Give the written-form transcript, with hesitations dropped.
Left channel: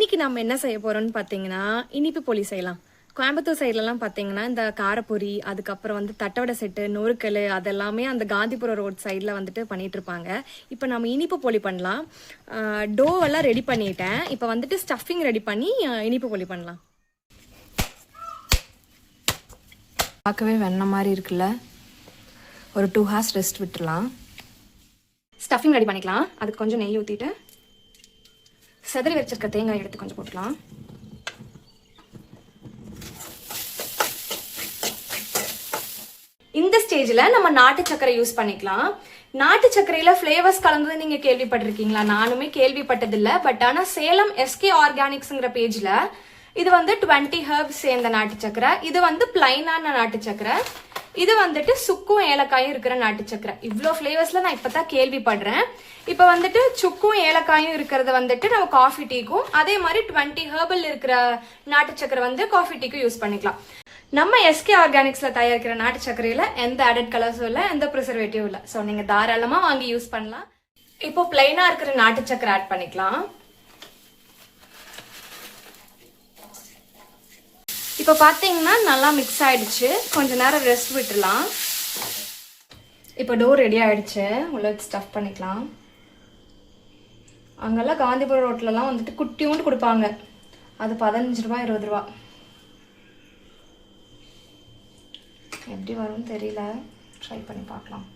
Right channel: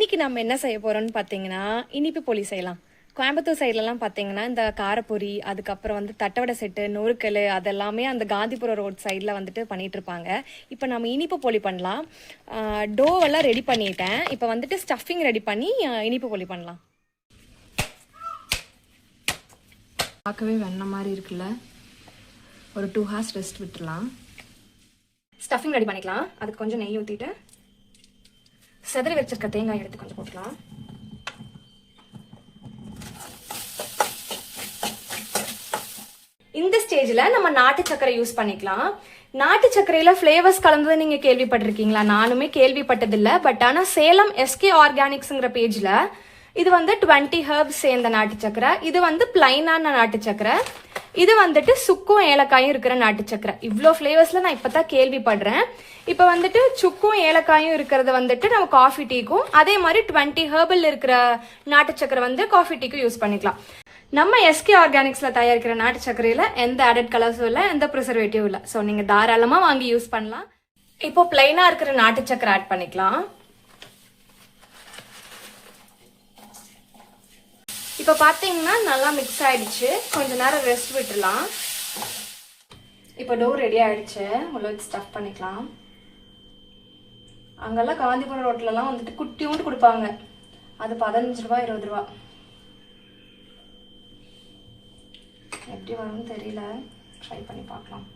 இன்னைக்கு நம்ம என்ன செய்ய போறோம்னு பார்த்தீங்கன்னா இனிப்பு போலி செய்யலாம். கோயம்புத்தூர் சைட்லலாம் பார்த்தீங்கன்னா இந்த காரப்பொரி, அதுக்கப்புறம் வந்து தட்டவடை செட்டு, நொறுக்கல் அதெல்லாமே அந்த காந்திபுரம் ரோட் சைடில் வந்துட்டு பண்ணிட்டு இருப்பாங்க. இப்போ நம்ம இனிப்பு போலி பண்ணலாம். டோவெல்லாம் ரெடி பண்ணிட்டேன். இப்போ வந்துட்டு ஸ்டஃபிங் ரெடி பண்ணி இனிப்பு போலி பண்ணலாம். பார்க்கவே வெண்ணெய் மாதிரி இருக்குல்ல. ஒரு 2 hours ரெஸ்ட் விட்டுலாம். ஸ்டஃபிங் ரெடி பண்ணிக்கலாம். அதுக்கு கொஞ்சம் நெய் ஊற்றிட்டு செதறி வச்சிருக்க தேங்காய் எடுத்து கொஞ்சம் போட்டுக்கலாம். இந்த ஸ்டேஜ்ல நம்ம நாட்டு சக்கரை யூஸ் பண்ணிக்கலாம். நாட்டு சக்கரையில ஃபிளேவர்ஸ் கலந்தது நீங்க கேள்விப்பட்டிருக்கீங்களா? நானுமே கேள்விப்பட்டதில்லை. பட் ஆனா சேலம் எஸ்கே ஆர்கானிக்ஸ்ங்கிற பேஜ்ல இது வந்து 20 ஹெர்ப்ஸ் சேர்ந்த நாட்டு சக்கரை, இது வந்து பிளைனான நாட்டு சக்கரை, இது வந்துட்டு சுக்கும் ஏலக்காயும் இருக்கிற நாட்டு சக்கரை. இவ்வளோ ஃபிளேவர்ஸ்ல நான் இப்பதான் கேள்விப்படுறேன். இப்போ வந்துட்டு சுக்கும் ஏலக்காயும் இருக்கிறத வந்துட்டு நம்ம காஃபி டீக்கும், அதே மாதிரி 20 ஹெர்பல் இருக்கிற நாட்டு சக்கரை வந்து காஃபி டீக்கும் யூஸ் பண்ணிக்கலாம். நம்ம எஸ்கே ஆர்கானிக்ஸ்ல தயாரிக்கிற நாட்டு சக்கரையில எந்த ஆடட் கலர்ஸும் இல்லை, எந்த ப்ரிசர்வேட்டிவும் இல்லை. ஸோ நீங்க தாராளமா வாங்கி யூஸ் பண்ணலாம். இப்போ பிளைனா இருக்கிற நாட்டு சக்கரை ஆட் பண்ணிக்கலாம். இப்போ பார்த்தீங்கன்னா நல்லா மிக்ஸ் ஆயிடுச்சு. கொஞ்ச நேரம் ரெஸ்ட் விட்டுலாம். இப்போ டோ ரெடி ஆயிடுச்சு. உள்ள ஸ்டஃப் பண்ணிக்கலாம். அங்கெல்லாம் காந்திபுரம் ரோட்லலாம் வந்துட்டு குட்டியூண்டு கொடுப்பாங்க. அது 15 ரூபா 20 ரூபா. எப்படி வரும்னு தெரியல, ட்ரை பண்ணி பார்க்கலாம்.